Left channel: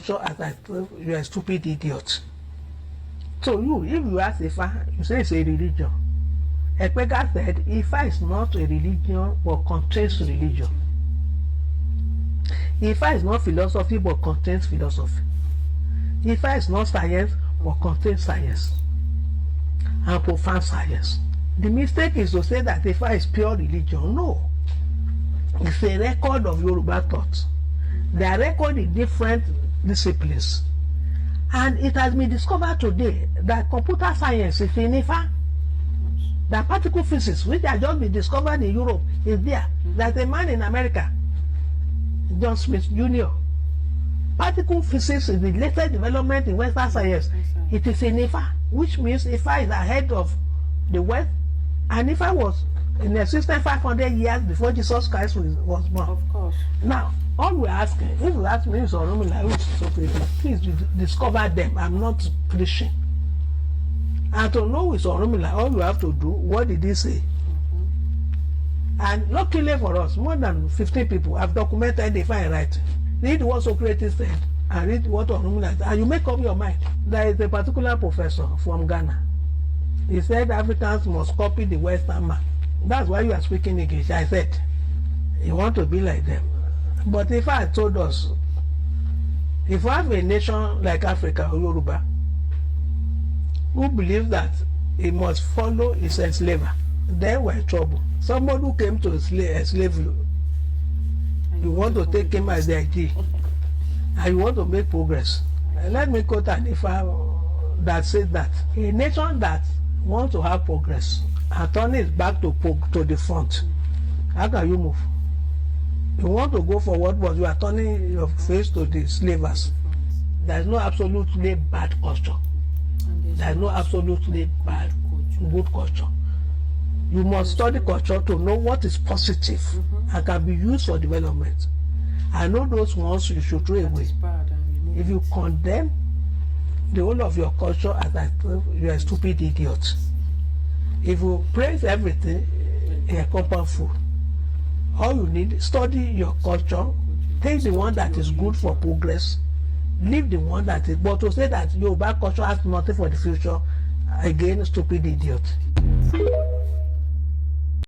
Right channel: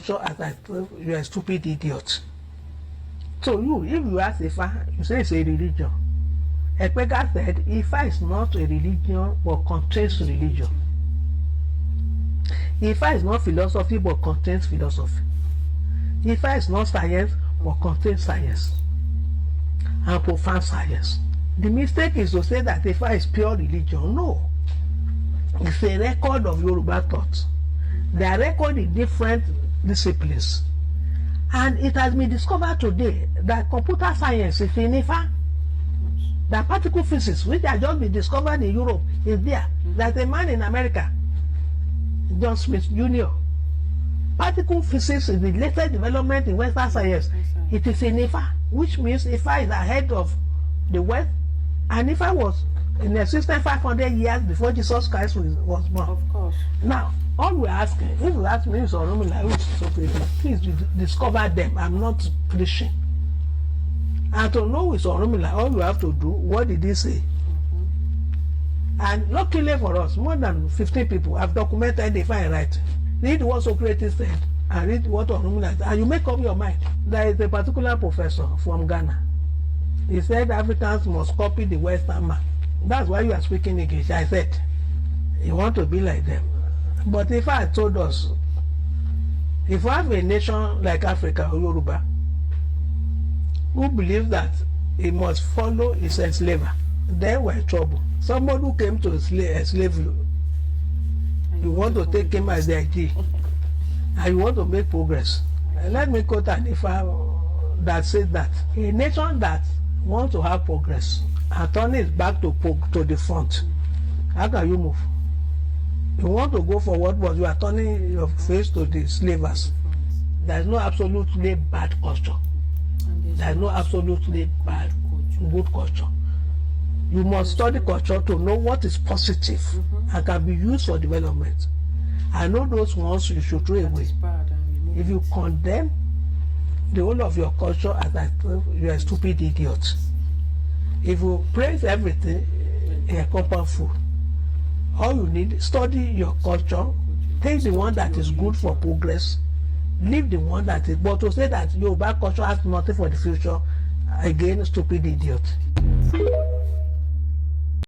culture as I told you, you're a stupid idiot. So if you ask Ifa, you say it's a religion. Ekpega said Ifa is not a religion but contains religion. Ifa is not philosophy but contains philosophy. Ifa is not science but contains science and profound science. The mistake is to say that Ifa is pure religion. No. It's a record of Yoruba thought. They are recorded in different disciplines. And it has been discovered today that computer science is in Ifa. That particle physics, which has just been discovered in Europe, is there. There's a man in America, John Smith Jr. Particle physics is the latest development in Western science. It is in Ifa, which means Ifa is ahead of the West. And Ifa was in existence 500 years before Jesus Christ was born. Of course. Now, all we're asking, if you ask me, please discover them. I'm not preaching. And to know with Orunmila, all you have to do, what did he say? And luckily for us, more than 15 people have documented the fine writing. Read what Socrates said and read what Orunmila said, and you make up your mind. There is a particular professor from Ghana. He said Africans must copy the Western man. That's why you are speaking English. I said, you want to be like them. But if I told us, if we have a nation like Africa or Yoruba, who believes that he must follow his enslaver, then we're in trouble. Somebody who came to enslave you, you want to take him as the ID, and you want to make progress. Let me quote an Ifa that says that a nation that wants to have progress and turn its back to the front, how can you move? You want to go forward, but you are turning your face to the slavers. There is no absolutely bad culture. There is no absolutely bad, good culture. You must study culture to know what is positive and can be used for development. I know those ones you should throw away. If you condemn the whole of your culture as I told you, you're a stupid idiot. If you praise everything, you're a compound fool. All you need, study your culture, take the one that is good for progress, leave the one that is, but to say that Yoruba culture has nothing for the future, again, stupid idiot.